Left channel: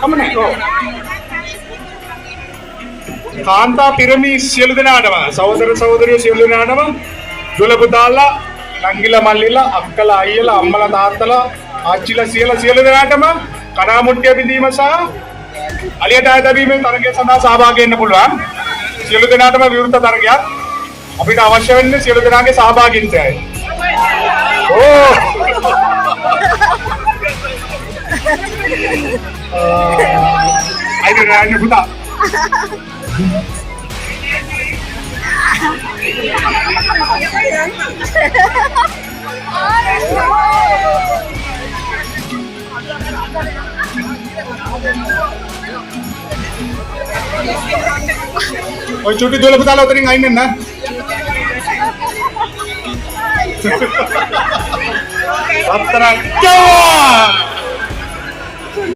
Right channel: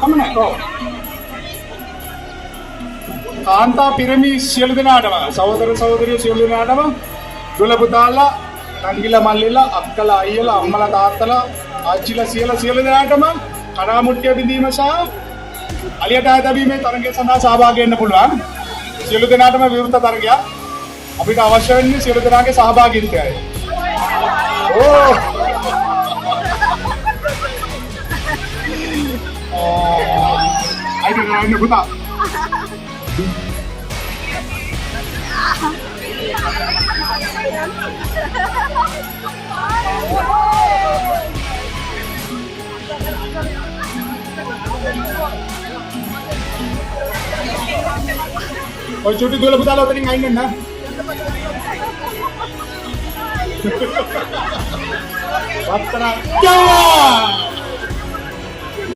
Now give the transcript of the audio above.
කමනේ. ඔව්. කාන්තා පිරමි සියලු දෙනාටම සහෝදර සහෝදරියෝ සියලු දෙනාටම දුල පුතාලා නංගිලා මල්ලිලා අක්කලා අයියලා අම්මලා තාත්තලා ආච්චිලා සියලු දෙනාටම කණාමුට්ටිය බිඳීම සහ අලියට ආයතබීමේ තරගය සඳහා සහභාගී වෙන්න පුළුවන්. සියලු දෙනාටම විවෘත තරගයක්. අපිට අවශ්‍ය වෙන්නේ සියලු දෙනාගේ සහභාගීත්වයයි. ඕ! අයිද ගන්න පුතා. ඔය චුටි දුවල පුතාලා උතරින් අයින් වෙන්න. අත්තරක්.